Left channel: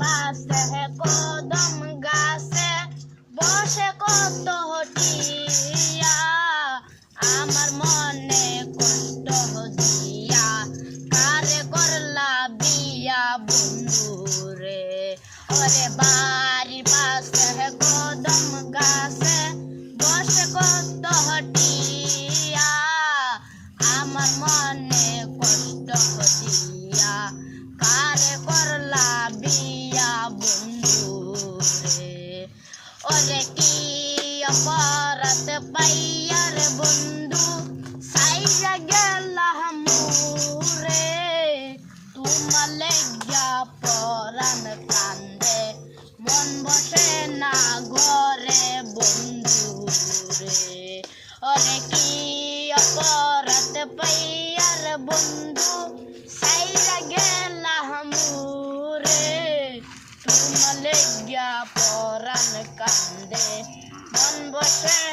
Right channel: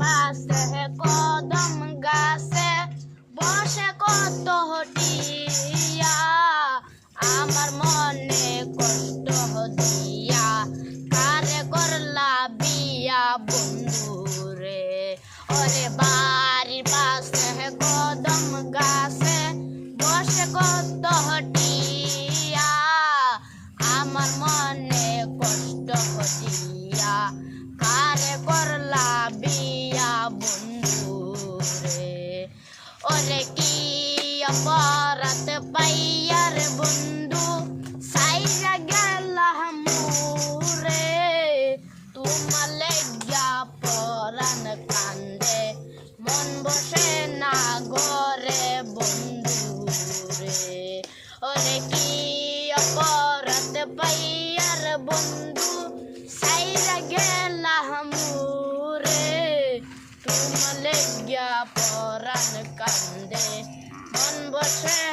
পাশে কদম গাছে বসে কত হটিয়া আমার মনে কষ্ট দিয়া কারে করলা বিয়া বন্ধুরে ওরে বাড়ির পাশে কদম গাছে বসে কত হটিয়া আমার মনে কষ্ট দিয়া কারে করলা বিয়া বন্ধুরে ওরে কি অপরাধ পাইয়ার বন্ধু সাইরা গেলা মুরে তোমার লেগিয়া পরাণ কান্দে মন বসে না ঘরে বন্ধুরে ওরে কি অপরাধ পাইয়ার বন্ধু সাইরা গেলা মুরে তোমার লেগিয়া পরাণ কান্দে মন বসে